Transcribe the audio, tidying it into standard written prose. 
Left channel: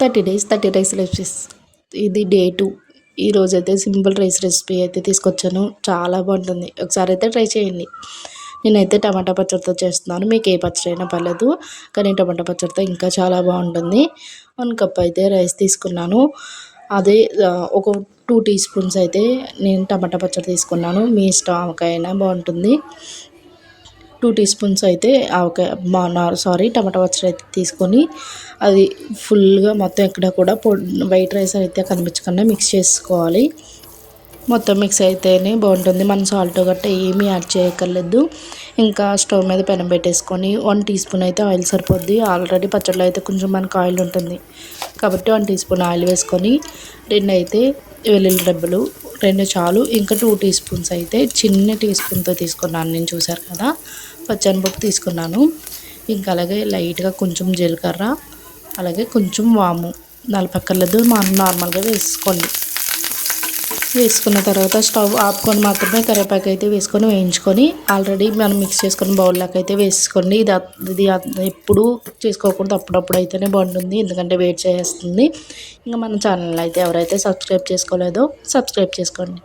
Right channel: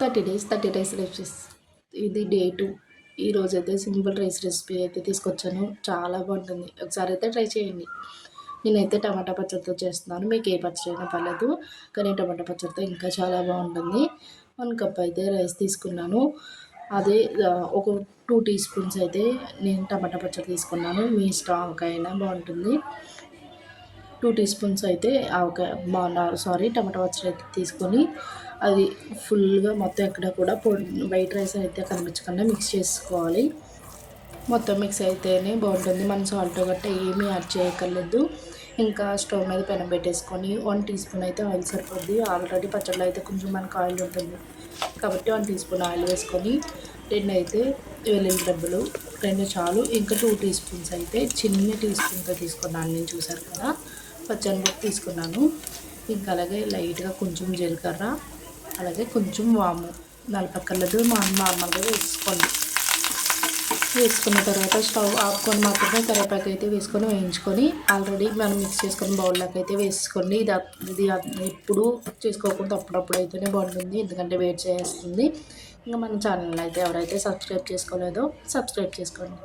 30 days 30 rice recipes. ఇది day 2. ఈరోజైతే simple rice recipe అయితే తీసుకొచ్చాను. చాలా బాగుంటుంది. ఒకసారి అయితే ట్రై చేయండి. నేనైతే టమాటా పచ్చడితో చేస్తున్నాను. మీకు ఏ పచ్చడి అయినా పర్లేదు, కానీ టమాటా పచ్చడితో ఇంకా చాలా బాగుంటుంది. 1 కప్ అయితే రైస్ తీసుకున్నాను. అదే ఒక 2 టీ స్పూన్స్ అయితే నేను టమాటా పచ్చడి తీసుకున్నాను. మీ ఇష్టం, ఆవకాయ అయినా బాగుంటుంది. 2 టీ స్పూన్స్ అయితే ఆవకాయ టమాటా పచ్చడి అయితే తీసుకొని అది ఫుల్గా మొత్తం ఎక్కడ కూడా వైట్ రైస్ అయితే కనిపించకుండా మిక్స్ చేసుకోవాలి. మొత్తం మిక్స్ అయితేనే బాగుంటుంది. మనం సాల్ట్ గట్ట ఏమీ యాడ్ చేయక్కర్లేదు. ఇంకా స్టవ్ మీద పెనం పెట్టేసుకొని 1 టీ స్పూన్ అయితే ఆయిల్ సరిపోద్ది. ఆల్రెడీ పచ్చడిలో అయితే కొంచెం మనకు ఆయిల్ ఉంటుంది కాబట్టి 1 టీ స్పూన్ ఆయిల్ వేసుకొని 2 అయితే వెల్లుల్లి రెబ్బలు 2 చాలు. ఇంకా 2 టీ స్పూన్స్ అయితే చిన్న టీ స్పూన్తో తీసుకున్నాను నేను, చూసారు కదా. పచ్చనిపప్పు తీసుకున్నాను. ఇంకా అలాగే లైట్గా కొంచెం జీలకర్ర, అలాగే కొంచెం వాము, నలపక్కర్లేదు, నార్మల్గా వేసుకోండి. వేసుకున్న తర్వాత స్టవ్ ఆపుకొని మాత్రమే కరివేపాకు అయితే వేసుకొని వేయించుకొని ఆల్రెడీ మనం మిక్స్ చేసుకొని బౌల్లోకి అయితే వేసుకోండి. ఇది ఎప్పుడు చేసుకోకూడదు, అప్పుడప్పుడు అయితేనే బాగుంటుంది, ఎందుకంటే వేడి చేస్తుంది. ఇంకా మన ఛానల్ అయితే ఎవరైతే సబ్స్క్రైబ్ చేసుకోలేదో సబ్స్క్రైబ్ చేసుకోండి.